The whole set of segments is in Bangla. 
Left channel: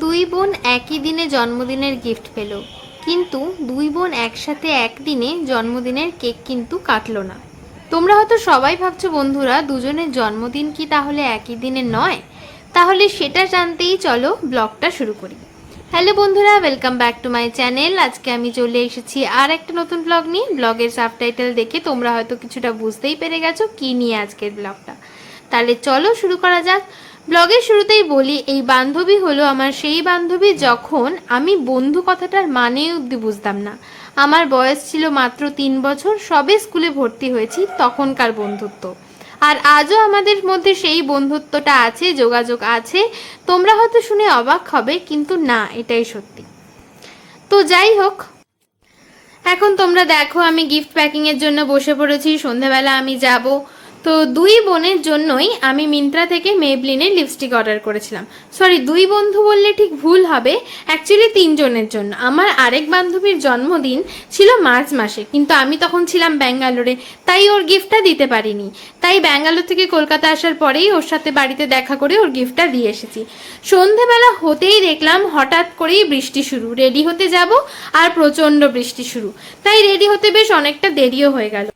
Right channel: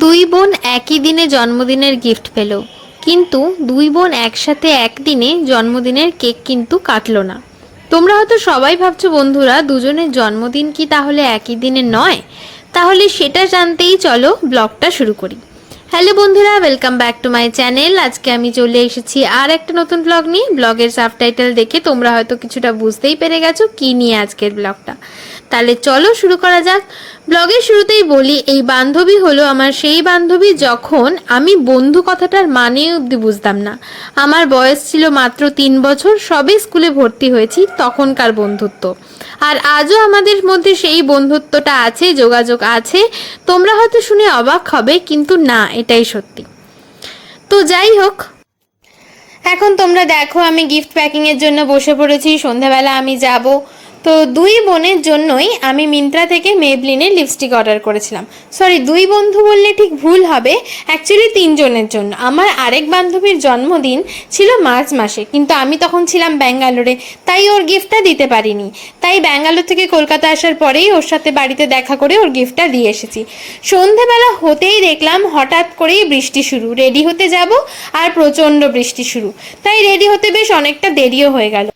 দুই বোন একই দিনে জন্মদিনের গিফট পেল, কিন্তু দুই বোন একসাথে একদিনে জন্মদিনের কেক কিন্তু কাটলো না। তোমরা হয়তো সবাই ভাবছো বন্ধুরা, দুজনের জন্মদিন কি তাহলে একই দিনে নয়? তাহলে সেটা জানতেই চলো ব্লগটা শুরু করি। হ্যালো বন্ধুরা, welcome back to my channel. আজকে আমি চলে এসেছি আর একটা নতুন ব্লগ নিয়ে। ব্লগের সাবটাইটেল দেখে তোমরা হয়তো কিছুটা বুঝতেই পেরে গেছো কি নিয়ে আজকের ব্লগটা। তাহলে চলো শুরু করা যাক। ব্লগের শুরুতেই বলি, এই বান্ধবী হলো আমার সেই বান্ধবী যখন আমি বন্ধু কথাটার মানে অবধি বুঝতাম না। আমার বয়স ছিল মাত্র 3 বছর, সবে স্কুলে ভর্তি হয়েছি, তখনকার বন্ধুত্ব। আর আজও আমাদের মধ্যে সেই বন্ধুত্বটা আছে, যোগাযোগ আছে। তোমরা হয়তো শুনে অবাক হবে, কিন্তু না, এটাই সত্যি। তো যাই হোক, এখন তোমরা দেখো আমি গিফট প্যাকিংয়ের জন্য বসে পড়েছি। সন্ধ্যাবেলা আমি যাব। তো দুই বোনের জন্যই আমি মিন্ত্রা থেকে মেবলিনের লিপস্টিক অর্ডার করেছিলাম। সরি, দুই বন্ধু বললে ঠিক ভুল হবে, অ্যাকচুয়ালি 3 জনের জন্য। আমার আরেক বান্ধবীর জন্মদিন ছিল মার্চ মাসে, কিন্তু আমি তখন ছিলাম ব্যাঙ্গালোরে, তাই ওর গিফটটা দিতে পারিনি। তাই ব্যাঙ্গালোর থেকে কলকাতা আসার পরেই ওর সাথে বাড়িতে দেখা করে ওর গিফটটা দিয়ে এসেছি। সন্ধেবেলা হতেই দেখলাম হঠাৎ করেই বৃষ্টি শুরু। রেডি হতে যাব আর প্রচণ্ড বৃষ্টি শুরু। তাই রেডি হতে বেশ অনেকটা দেরিও হয়ে গেল।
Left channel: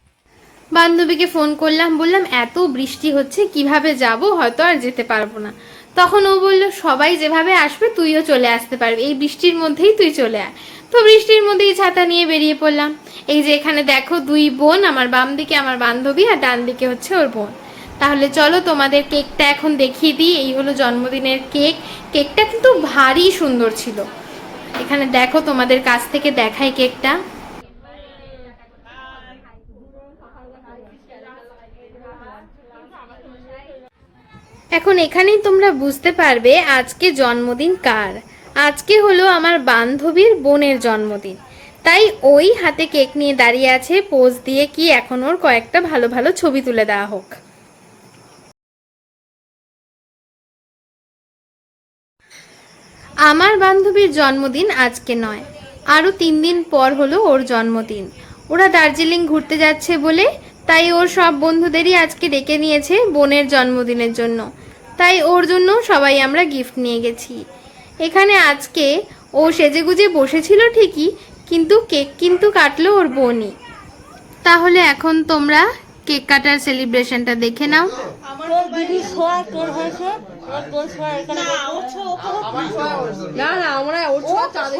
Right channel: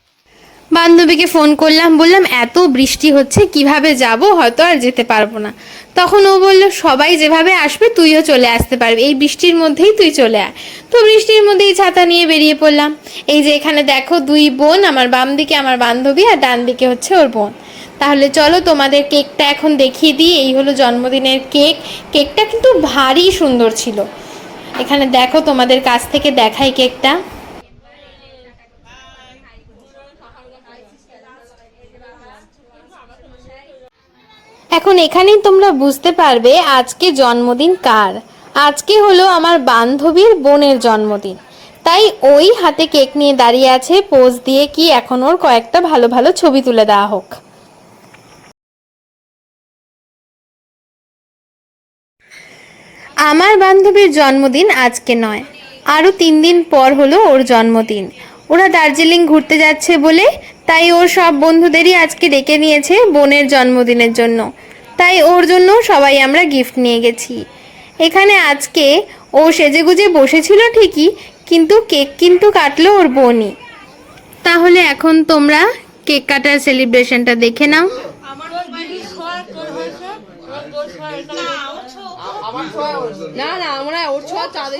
বান্ধবীকে ফোন করলাম, বললাম এত বৃষ্টি হচ্ছে কিভাবে যাব, হয়তো আর যেতে পারবো না। তখন ও বলল সবাই যেভাবে আসবে তুইও চলে আসতে পারবি, এই বৃষ্টির মধ্যেই তুই চলে আয়। তো বৃষ্টির মধ্যেই ছাতা নিয়ে বেরিয়ে পড়লাম। এই যে এখানে দেখো দুই বোন, আমার বাম দিকে আমার বান্ধবী আর ডান দিকে হচ্ছে ওর বোন। তাহলে চলো তোমাদের কেকটা এখন দেখিয়ে দিই। এই হলো জন্মদিনের কেক। কেকটা কিন্তু ভারী সুন্দর ছিল। এখানে দেখো, তোমাদের কাছ থেকে দেখাই কেকটা। এখন এখানেই তোমরা বুঝতে পারবে আজকে জন্মদিন কার। আজকে হলো আমার বান্ধবীর বোনের জন্মদিন, তাই ওই হাতে কেক নিয়ে দাঁড়িয়ে আছে, পোজ দিয়ে কি এখন ওর কয়েকটা ভালো ভালো ছবি তুলে দেওয়া হোক। আমার বান্ধবীর জন্মদিন আজকে নয়, আরও 3 দিন পর হলো ওর জন্মদিন। ওরা দার্জিলিং ঘুরতে যাচ্ছে বলে, তাই ওর সব বন্ধুদেরই আজকে ডেকে নিয়েছে বোনের জন্মদিনের জন্য। তাই ওর জন্য সবাই আমরা গিফট নিয়ে গেছি। এখানে আজকে ও সেজেগুজে বসেছিল ঠিকই, কিন্তু কেক কিন্তু কাটলো ওর বোনই। তাহলে এখন তোমরা কেক কাটার সেলিব্রেশনটা দেখে নাও। না না, আমরা ওর ছোঁয়া চাঁদে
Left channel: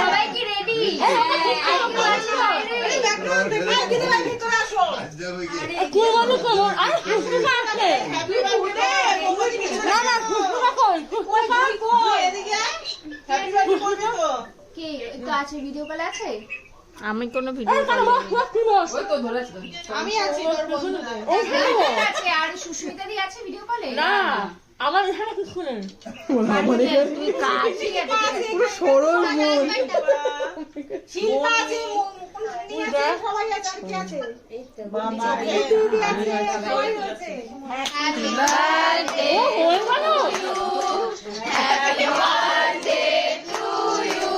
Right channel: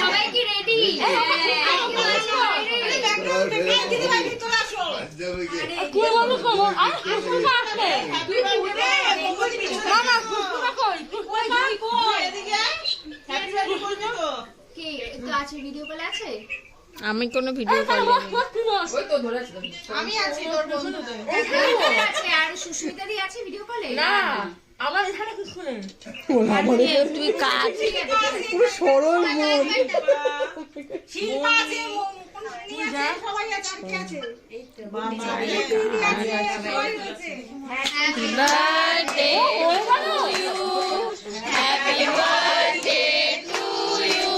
সবাই কি রেডি? আছে ভিডিও কলে আছে? আমি কোনো ভিডিও কল আমি আছি, তোর বন্ধুদের আছে আর সুস্মিতাদি আছে ভিডিও কলে। না, আমার এখানে কিছু নেই। তুই কাজ পুরো সরল মন। শিল্পা আছে, সবাই আছে, কি আছে? বাবা happy birthday to you, happy birthday to you,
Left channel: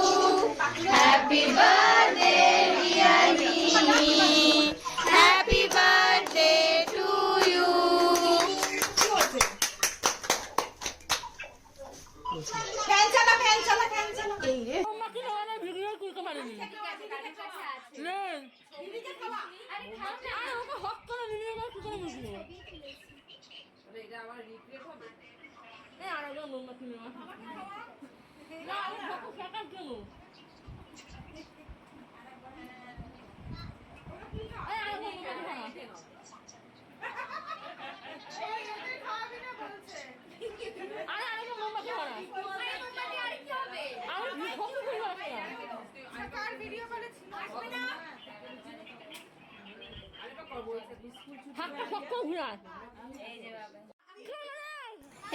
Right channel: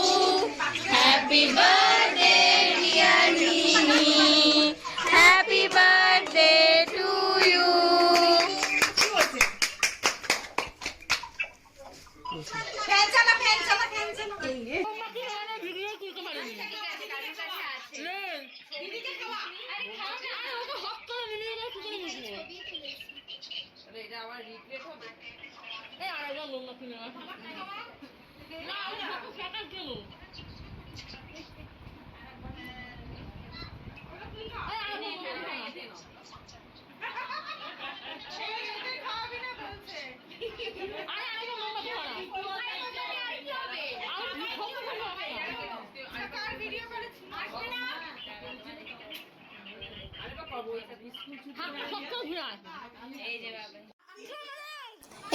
happy birthday dear Jimmy, happy birthday to you. Fan চালা, ফ্যান চালা, ফ্যান চালা। ভিডিও করতে পারিনি। এটা আমার রিগ্রেট হবে। আর একজন লোক কিনে আসি না, আমি ফটো ফেকার কেন?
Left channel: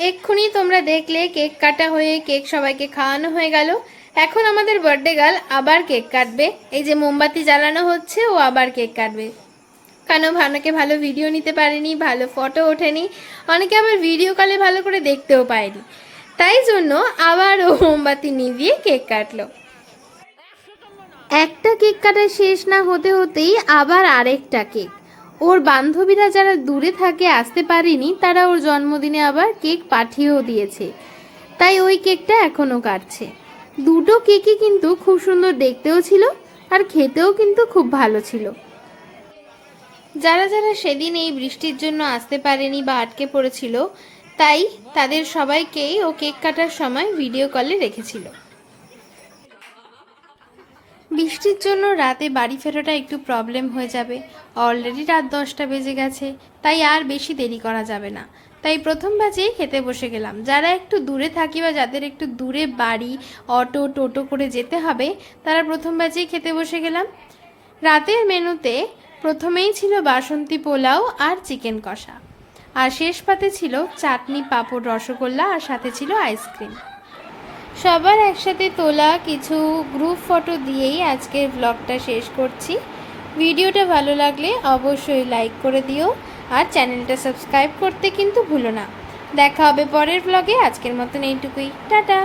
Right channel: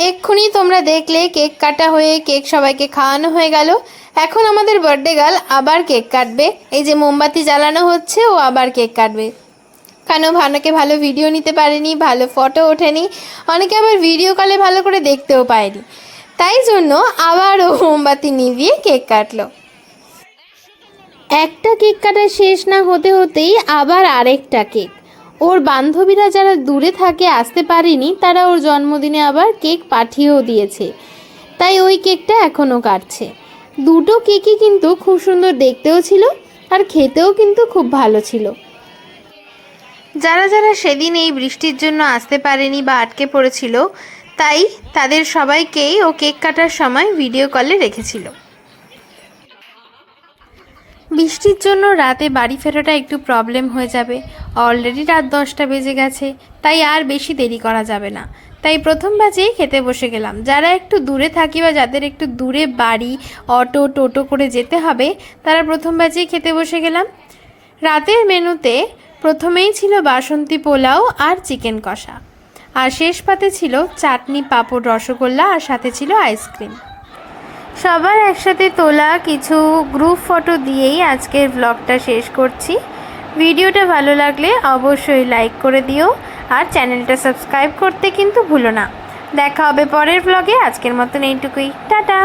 এক্ষুনি তোমরা দেখলে কেক কাটা হয়ে কেক সবাইকে খাওয়ানো হয়ে গেল। এখন আমাদের বার্থডে গার্ল আবার কেক কাটবে। এই যে মোমবাতি জ্বালানো হচ্ছে, ও আবার কেক কাটবে। কারণ অনেকে ভালো ভিডিও নিতে পারেনি, ভালো ফটো ওঠেনি, অনেকে আবার ভিডিও কলে ভালো করে দেখতেও পায়নি, তাই জন্য আবার ও মোমবাতি নিভিয়ে কেক কাটলো। একটা কেক কাটা শেষ না হতে হতেই আবার আরেকটা কেক। ওর বান্ধবীরা যারা দূরে থাকে আসতে পারেনি, তারা ওর জন্মদিনে আবার কেক পাঠিয়েও দিয়েছে, তাই ওই কেকটা এখনও কাটছে। দুটো কেকই কিন্তু খুব সুন্দর দেখতেও ছিল আর খেতেও কিন্তু খুব ভালো ছিল। যারা যারা সেদিন এই বৃষ্টির জন্য আসতে পারেনি বা আটকে পড়েছিল, তাই তাদের সবাইকেই ও কেক কাটার সময় ভিডিও কলে রেখেছিল। বৃষ্টির জন্য রাতে বাড়ি ফেরাটা একটু প্রবলেম হয়ে যাবে। অলরেডি রাত 10টা বেজে গেছে, তাই আর বেশি দেরি করা যাবে না। তাই প্রথম ব্যাচেই খেতে বসে গেলাম। যারা একটু দূরে থাকি বা যাদের একটু দূরে বাড়ি, অটো টোটো করে যেতে হবে, তারা প্রথম ব্যাচেই খেতে বসে গেলাম। রাতের মেনুতে প্রথমেই ছিল বাসন্তী পোলাও আর চিকেন কষা, আর শেষ পাতে ছিল চাটনি, পাঁপড়, রসগোল্লা আর সাথে ছিল আইসক্রিম। সবার একসাথে তোলা কিছু গ্রুপ ফটো দিয়েই আজকের ব্লগটা শেষ করছি। ভিডিওটা ভালো লাগলে অবশ্যই লাইক করে দিও আর চ্যানেলটা সাবস্ক্রাইব করতে কিন্তু ভুলো না। দেখা হবে পরের ব্লগে। আজকের মতন এইটুকুই, টাটা।